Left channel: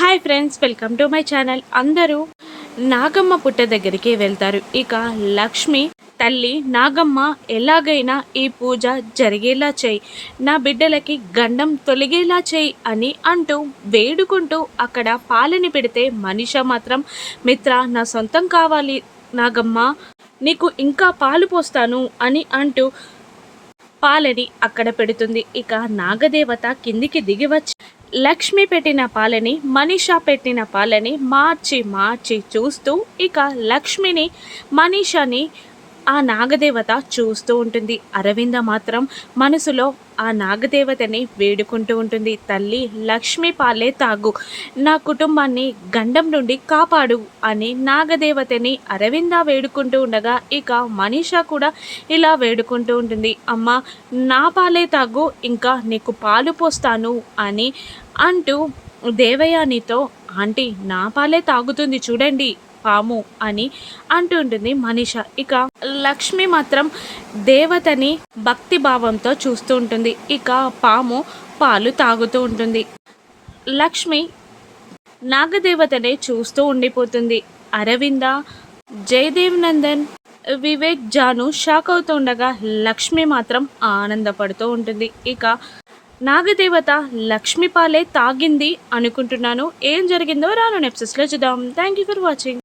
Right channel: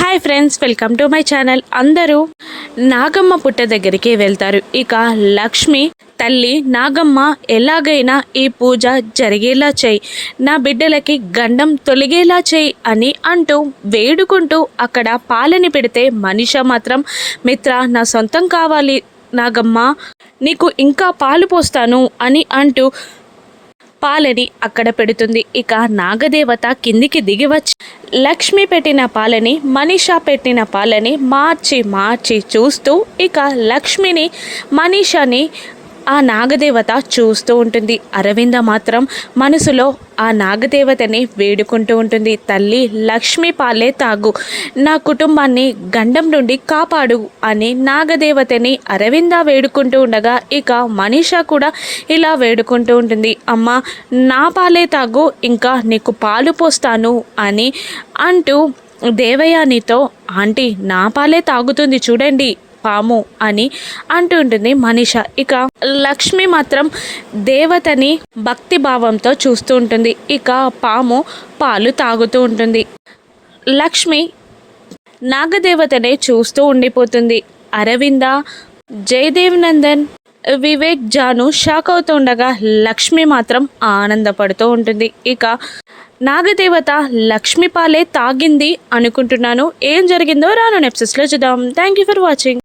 Hi friends welcome to my channel. అందరూ నాగమ్మ పుట్ట దగ్గరికి వెళ్తారు. ఇక లక్ష్మి తల్లి నాగమ్మ ఎలాగైనా ఈ పూజ జరిగేలా చేయి. నా బిడ్డలకి గండం తొలగేలా చేయి అని అంటూ వేడుకుంటూ అక్కడ పాలని పెడితే మనిష మాత్రం మిత్ర నా సొంతం కావాలి నాగమ్మ నీకు ఇంకా పాలు పోస్తాను అని అంటూ పాలని అక్కడ పెడుతుంది. ఇక నాగదేవత కిందికి దిగి వచ్చి లక్ష్మి పెట్టిన పాలని మనీషా పెట్టిన పాలని మార్చి మార్చి చూస్తూ ఇక లక్ష్మిని మనీషాని ఆ నాగదేవత చూస్తూ ఉంటుంది. అరవింద మాత్రం మనసులో ఆ నాగదేవతని వేడుకుంటూ ఉంటుంది. తల్లి లక్ష్మీ పాలే తాగు. నా కుటుంబాన్ని గండం నుండి కాపాడు అని నాగదేవతని అరవింద వేడుకుంటూ ఉండగా ఇక మనీషా కూడా ఇలా వేడుకుంటూ ఉంటుంది. అమ్మ నా పాలే తాగు ఇంకా నీకు పాలు పోస్తాను అని అంటూ దేవయానితో ఆంటీ నా పాలే తాగుతుంది చూడండి పాము అని అంటూ ఉంటుంది మనీష. ఇక లక్ష్మి మాత్రం దేవతని భక్తి భావంతో చూస్తూ ఉంటుంది. ఇక పాము పాలు తాగుతూ ఉంటుంది. లక్ష్మి నాగదేవతనే చూస్తూ ఉండిపోతుంది. అరవింద జయదేవ్ నందన్ వివేక్ జాను షాక్ అవుతుండగా లక్ష్మి మాత్రం ఆనందపడుతూ ఉంటుంది. ఇక నాగదేవత లక్ష్మి పాలే తాగింది అనుకుంటున్నాను. ఏం జరిగిందో రాను నెప్సెస్లో చూద్దాం. Thank you for watching